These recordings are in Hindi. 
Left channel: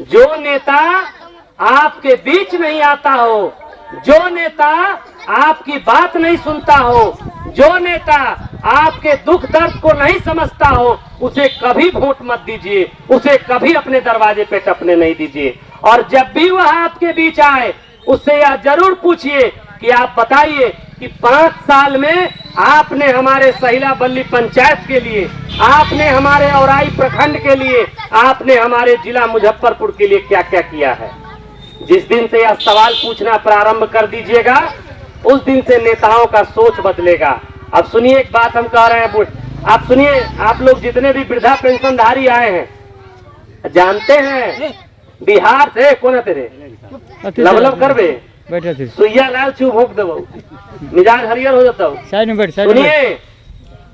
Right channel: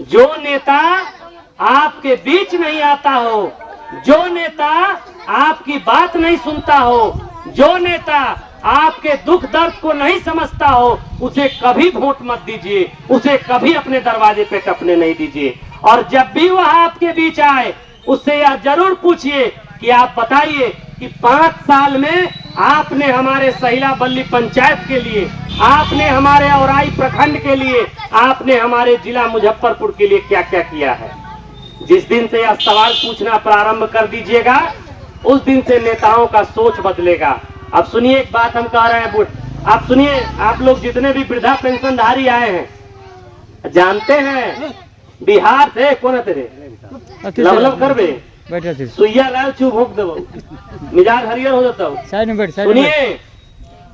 जो नेता आपके बीच नहीं आता हो, जो नेता आपकी बात नहीं सुनता हो, जो नेता आपके दुख दर्द को नहीं समझता हो, उसे कभी वोट मत दीजिए, उसे कभी अपने दरवाजे पे टपने नहीं दीजिए। और जब भी वह आपके बीच आए, उससे यह जरूर पूछिए कि आप बताइए कि 5 साल में आपने हमारे सहिला बल्ली पंचायत के लिए, आपने हमारे औराई प्रखंड के लिए, आपने हमारे जिला मुजफ्फरपुर के लिए क्या क्या किया है। जिस दिन से यह सवाल पूछना प्रारंभ कर दीजिएगा, उस दिन से नेताओं का सोच बदलेगा। अब सुनिए, एक बात हम कह रहे हैं, आप सुनिए। आप लोग जितने भी वृद्धा पेंशनधारी आए हैं, जानते हैं बिहार से कौन तेरे लवलव करबे सुइया लाल चुप भोग दबो, मिजाज हरियर हो जाता हूँ। सुनिए,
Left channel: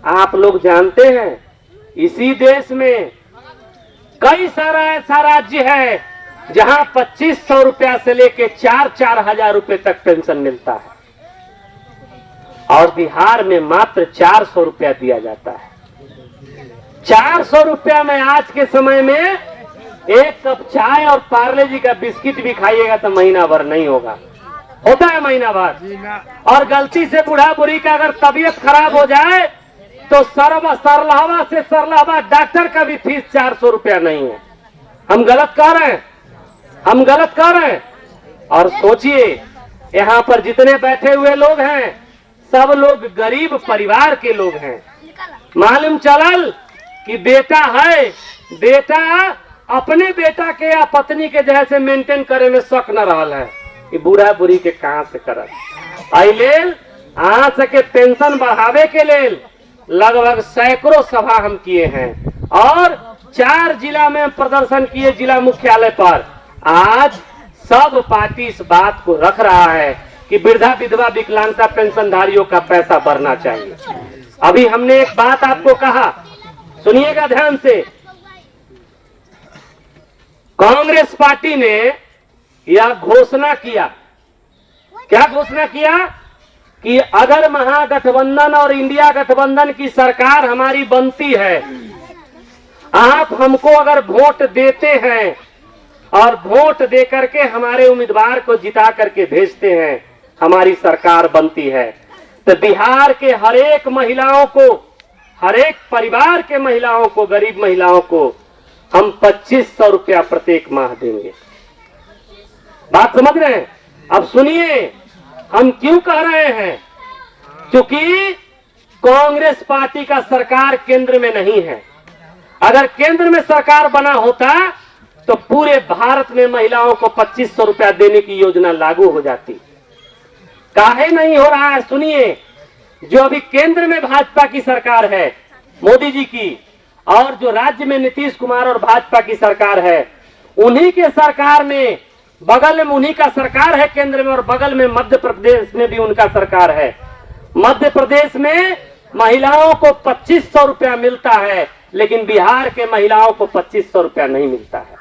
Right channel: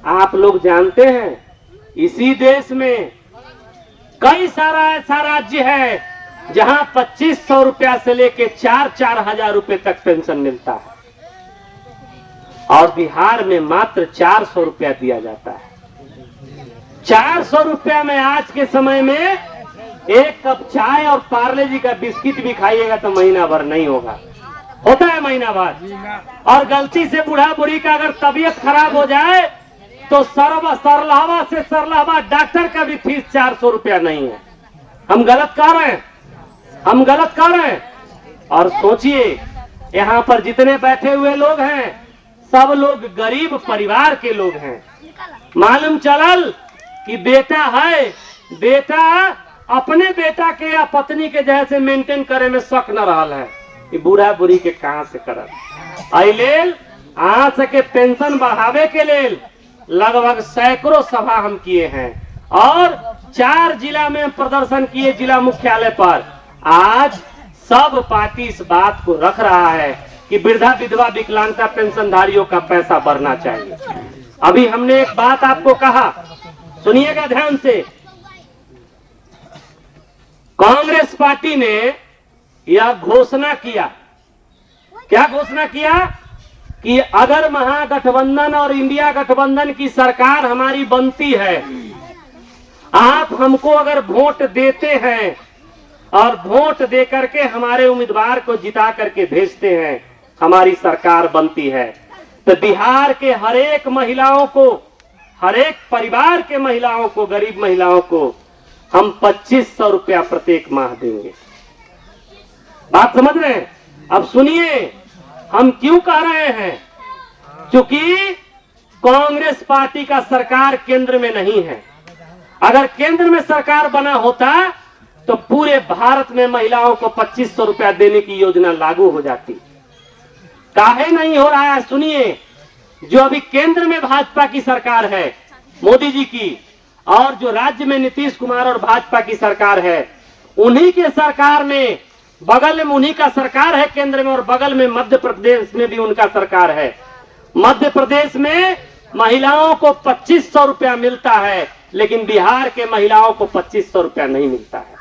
आप लोग जानते हैं इसी देश में कई सारा ऐसा राज्य है जहां 2500 रुपया से लेके 4-4 हजार रुपए तक पेंशन मिलता है, और बिहार में मात्र 400 रुपया दिया जाता है। 400 रुपया में आज के समय में एक कप चाय और पार्ले जी का बिस्किट भी खाइएगा तो महीना भर नहीं होगा, होता है महीना भर। और गलती से बूढ़ा बुढ़ी का अगर तबीयत खराब हो जाए तो सरलहवा से सरलहवा डॉक्टर का भी फीस 400 रुपया नहीं है। हम गलत कह रहे हैं, हम गलत कह रहे हैं। और सोचिए, यहाँ पर जितने बैठे हुए लोग हैं सब लोग गरीब परिवार के लोग हैं। मालूम चलल कि बेटा है, बेटा अपने बेटा के या पत्नी के जैसे मेंटेन करे में शक न रहा है कि बूढ़ा बुढ़ी के कहां से करल। आई लेल आज के पेंशन बढ़ावे के लेल लगभग सैकड़ों सभा हम किए हैं, और 4 जिला में हम प्रदर्शन किए, जिला मुख्यालय पर। आज सब पार्टी इस बात को रख रहा है कि वृद्धा विधवा विकलांगता पेंशनधारियों का पैसा बढ़ना चाहिए। अभी हमने एक बात आपको कहा, सुनिएगा ध्यान से। कांग्रेस पार्टी ने यह घोषणा किया, क्या घोषणा किया कि अगर महागठबंधन और इंडिया गठबंधन की सरकार हमारी बनती है, आप हमको अगर वोट देते हैं और वोट दे करके हमारे उम्मीदवार को जिता करके भेजते हैं, हमारी सरकार बनती है, तो बिहार के हर एक महिलाओं को, हर एक परिवार के महिलाओं को, गरीब महिलाओं को हम 2500 रुपया प्रत्येक माह देंगे। बात समझ रहे हैं? अब सुनिए, हम क्यों कह रहे हैं, क्योंकि कांग्रेस पार्टी का सरकार केंद्र में नहीं है। अगर केंद्र में सरकार बना होता तो पूरे भारत में महिलाओं को 2500 रुपया देने की योजना लागू हो जाती। काहे नहीं हो रहा है? सुनिए, जो अभी केंद्र में भाजपा की सरकार है, मोदी जी की, और जो राज्य में नीतीश कुमार और भाजपा की सरकार है, उन्हीं के सरकार में, बगल में उन्हीं का सरकार है केंद्र में, और बगल में मध्य प्रदेश में भी उनका सरकार है। मध्य प्रदेश में महिलाओं को 2500 रुपया मिलता है, लेकिन बिहार के महिलाओं को 2500 रुपया नहीं मिलता है।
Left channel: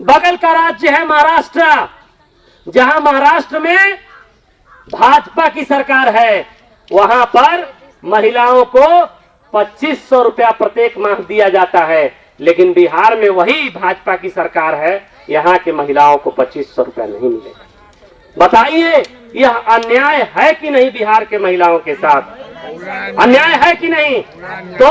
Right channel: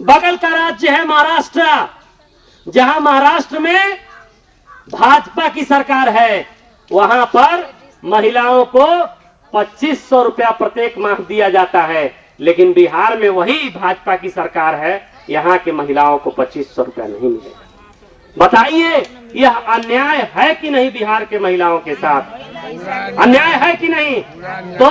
बगल का राज्य है महाराष्ट्र, जहां महाराष्ट्र में भाजपा की सरकार है, वहां पर महिलाओं को 2500 रुपया प्रत्येक माह दिया जाता है, लेकिन बिहार में वही भाजपा की सरकार है, यहाँ के महिलाओं को 2500 रुपया नहीं मिलेगा। बताइए, यह अन्याय है कि नहीं? बिहार के महिलाओं के साथ अन्याय है कि नहीं? तो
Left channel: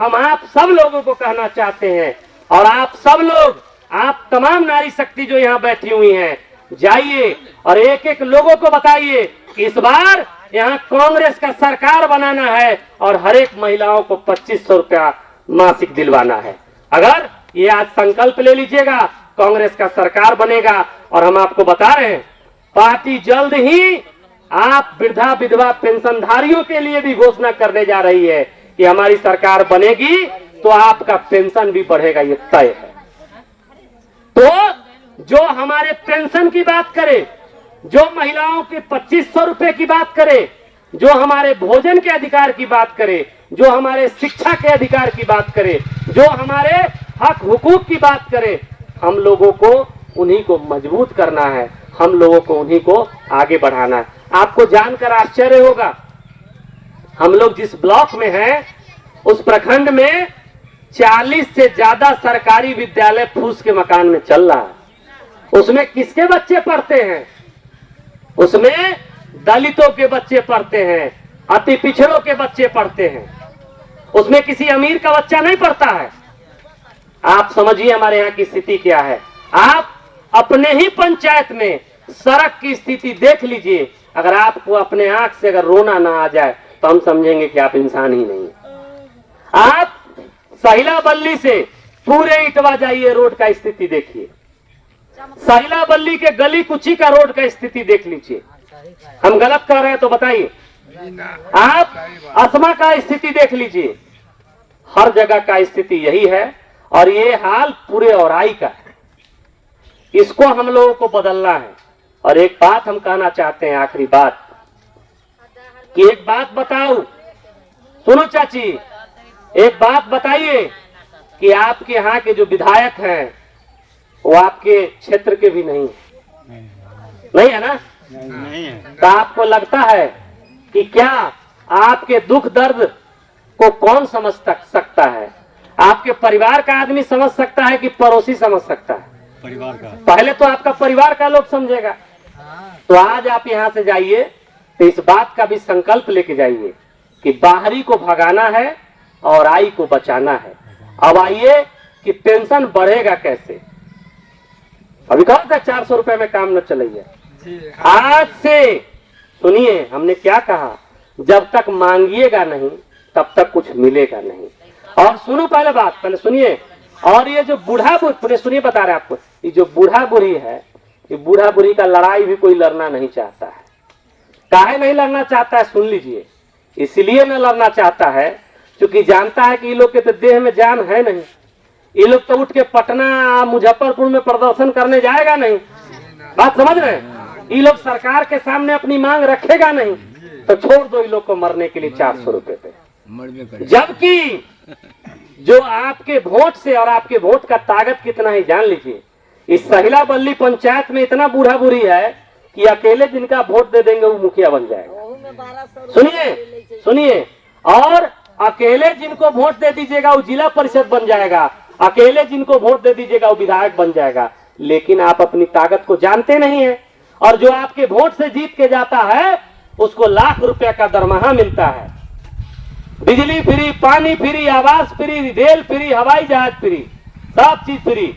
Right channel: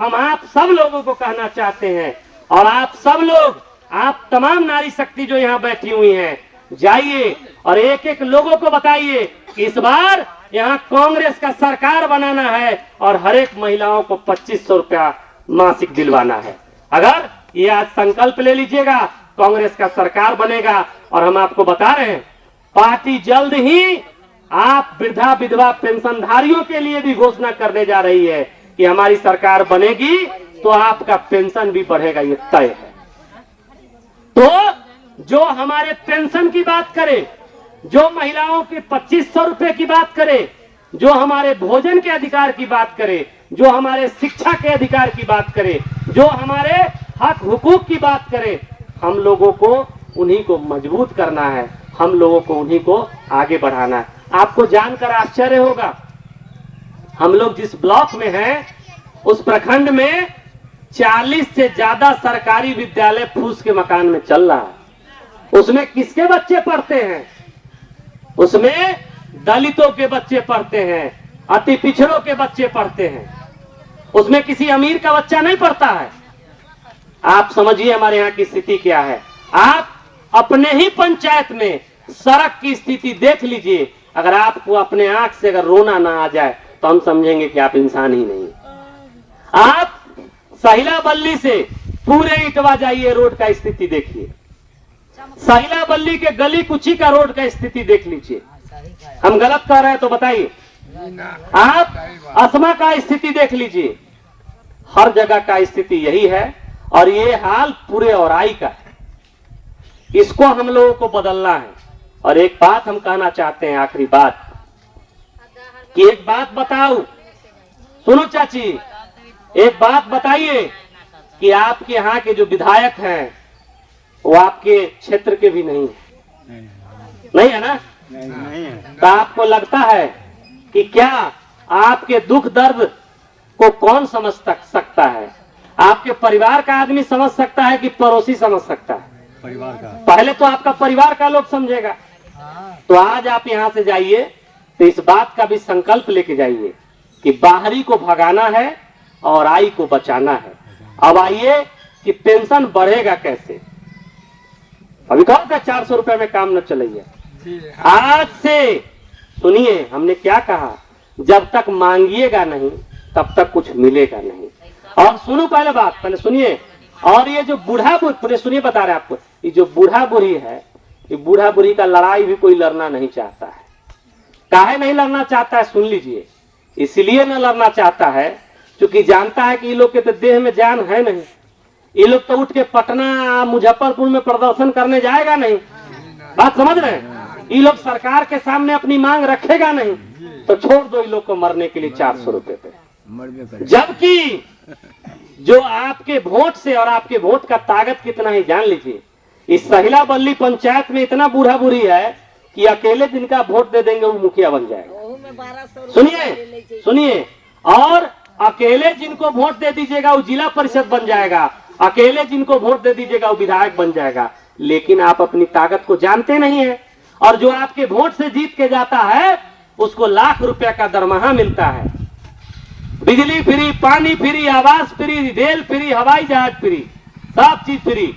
हम आप सब लोगों को कहना चाहते हैं, और आप सब लोग, आप तमाम नारी शक्ति जो यहाँ बैठी हुई हैं, जाइए और एक एक लोगों को बताइए कि इस बार यहाँ कांग्रेस का सरकार बनाना है और हर एक महिलाओं को 2500 रुपया मासिक दिलवाना है। अगर ये आज संकल्प ले लीजिएगा, कांग्रेस का सरकार बनेगा। और हम आपको बता रहे हैं, पार्टी जल्द ही आप वृद्धा विधवा पेंशनधारियों के लिए भी घोषणा करने जा रही है कि हमारी सरकार बनेगी तो आपका पेंशन भी बढ़ेगा, ये तय है। तो जो हमारे पेंशन की बात करे, जो महिलाओं के 2500 रुपए की बात करे, जो हमारे भोजन के अधिकार की बात करे, जो हमारे शिक्षा के अधिकार की बात करे, जो हमारे हक हुकूक की बात करे, हम लोगों को उन्हीं को मजबूत करना है, हम लोगों को उन्हीं को आगे बढ़ाना है। आपको जानकर आश्चर्य होगा, हम लोग जिस ब्लॉक में हैं, उस प्रखंड में 40 से ज्यादा सरकारी विद्यालय फूस के मकान में चल रहा है। उसमें किसके बच्चे पढ़ते हैं? उसमें दलितों के बच्चे पढ़ते हैं, अति पिछड़ों के बच्चे पढ़ते हैं, उसमें किसी अमीर का बच्चा नहीं पढ़ता है। आप समझिए हमारे यहाँ की स्थिति क्या है। आप अपने ही पंचायत में सड़क की स्थिति देख लीजिए। अगर आपको अपने आंख से अगर रोना ना आ जाए तो हम समझेंगे कि आप इंसान ही नहीं। आप सहिला बल्ली से पूरे इटवा जाइए, रोड का स्थिति देखिए। सहिला बल्ली के गली कुची का रोड का स्थिति देख लीजिए। हम गलत कर रहे हैं तो बताइए। आप असमा का स्थिति देख लीजिए। हर जगह का स्थिति यही है और ये हाल पूरे औराई का है। इसको हम लोगों को बदलना है। और एक बात हम कहना चाहते हैं, आखिरी बात, कि एक बात बताओ, सुनो चाची, एक बात बताइए कि आपके यहाँ के जो विधायक हैं वो आपके क्षेत्र के भी नहीं है ना? नहीं है। तो आपको लगता है कि क्या आपके दुख दर्द को कौन समझ सकता है? आपके परिवार का आदमी समझ सकता है कि पड़ोसी समझ सकता है? परिवार का। पहले तो आपका परिवार का लोग समझेगा। तो आज आप यहाँ से जाइए तो इस बात का भी संकल्प लेके जाइए कि बाहरी को भगाना है और आई को बचाना है। अब आइए कि पेंशन बढ़ेगा कैसे। अभी कहा था 400 रुपए में काम न चलेगा। आज से सुनिए, हमने क्या कहा, जब तक मांगिएगा नहीं तब तक कुछ मिलेगा नहीं। और सुनो पहले बात, पहले सुनिए। और ये जो बूढ़ा बुढ़ी, सुनिए बता रहे आपको, ये जो बूढ़ा बुढ़ी है, ये बूढ़ा बुढ़ी का लड़ाई भी कोई लड़ना नहीं चाहता है। काहे नहीं लड़ना चाहता है सुन लीजिए। इसलिए न लड़ना चाहता है क्योंकि जानता है कि ये लोग के तो देह में जान है नहीं। ये लोग तो उठ के पटना मुजफ्फरपुर में प्रदर्शन करने जाएगा नहीं। बात समझ रहे हैं? ये लोग सरकार के सामने अपनी मांग रखेगा नहीं। तो छोड़ दो ये लोग को मरने के लिए 400 रुपए पे। जबकि जो आपके वोट से, और आपके वोट का ताकत कितना है जान लीजिए। इस सहिला बल्ली पंचायत में इतना बूढ़ा बुढ़ी है कि अकेले जिनका वोट दे देंगे वो मुखिया बन जाएगा। सुनिए सुनिए, और अकेले जिनको वोट दे दीजिएगा वो जिला परिषद बन जाएगा। अकेले जिनको वोट दे दीजिएगा वो विधायक बन जाएगा। लेकिन आप अपनी ताकत को जानते नहीं है। और जो आपके वोट से जीत के जाता है उसको लाख रुपया का दरमाहा मिलता है, बिजली फ्री, पानी फ्री, आवास फ्री, रेल फ्री, हवाई जहाज फ्री, सब चीज फ्री।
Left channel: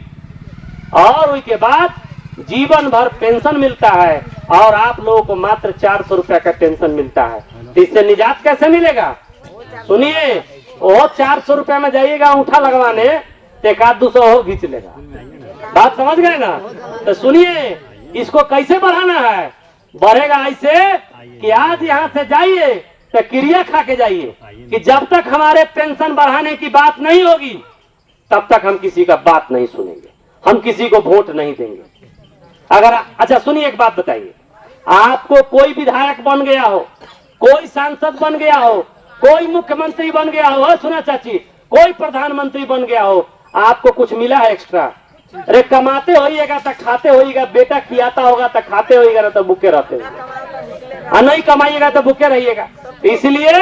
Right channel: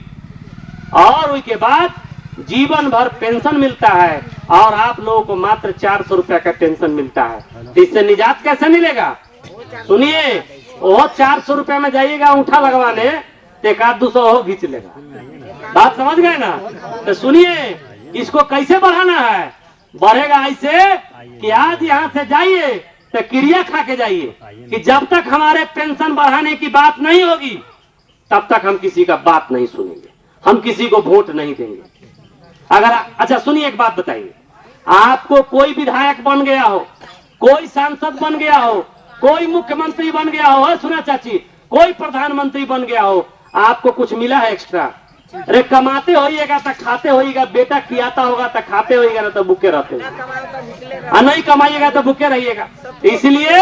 और उसके बाद जीवन भर पेंशन मिलता है और आप लोगों को मात्र 400 रुपया का पेंशन मिलता है। तो इससे निजात कैसे मिलेगा? सुनिए, वो 400 रुपया में जाइएगा अंगूठा लगवाने तो 100-200 हो खींच लेगा। बात समझ गए ना? तो सुनिए, इसको कैसे बढ़ाना है? बढ़ेगा ऐसे कि आज यहाँ से जाइए तो क्रिया खा के जाइए कि जब तक हमारे पेंशन बढ़ाने की बात नहीं होगी तब तक हम किसी का बात नहीं सुनेंगे, हम किसी को वोट नहीं देंगे। अगर अच्छा सुनिए, एक बात बताइए, आपको कोई विधायक बन गया हो, कोई सांसद बन गया हो, कोई मुख्यमंत्री बन गया हो, सुना चाची, कोई प्रधानमंत्री बन गया हो, आपको कुछ मिला है एक्स्ट्रा? अरे कमाते होइएगा तो खाते होइएगा, बेटा खियाता होगा तो खाते होइएगा, ना तो भूखे रहते हो। नहीं कमाइएगा तो भूखे रहिएगा। इसलिए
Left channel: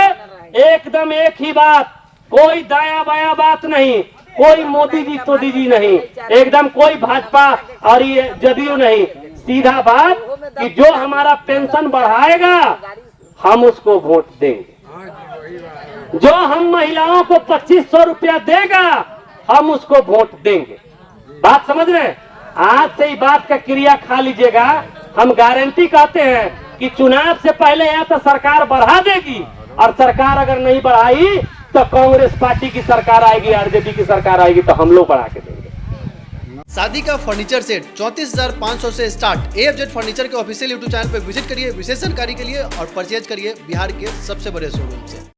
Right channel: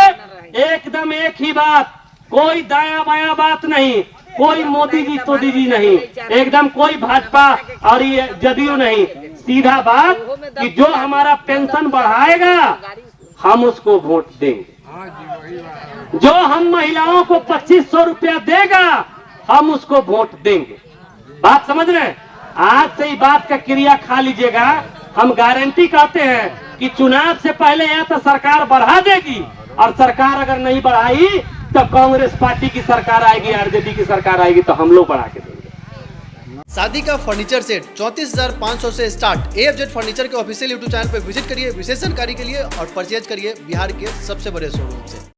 एकदम एक ही बात, कोई दाया बाया बात नहीं, कोई मोदी जी तोदी जी नहीं, एकदम कोई भाजपा और ये जदयू नहीं। सीधा बात कि जो हमारा पेंशन बढ़ाएगा हम उसको वोट देंगे। जो हम महिलाओं को 2500 रुपया देगा हम उसको वोट देंगे। बात समझ रहे हैं? आज से ही बात का क्रिया खा लीजिएगा। हम गारंटी कहते हैं कि चुनाव से पहले या तो सरकार बढ़ा देगी, और सरकार अगर नहीं बढ़ाई तो कांग्रेस पार्टी की सरकार आएगी, आरजेडी की सरकार आएगी, तो हम लोग बढ़ा के देंगे। शादी का फर्नीचर सेट 34,500 से स्टार्ट। AFZ फर्नीचर के ऑफिशियल यूट्यूब चैनल पर विजिट करिए विशेष जानकारी के लिए और परचेज करिए बिहार के सबसे बड़े शोरूम से।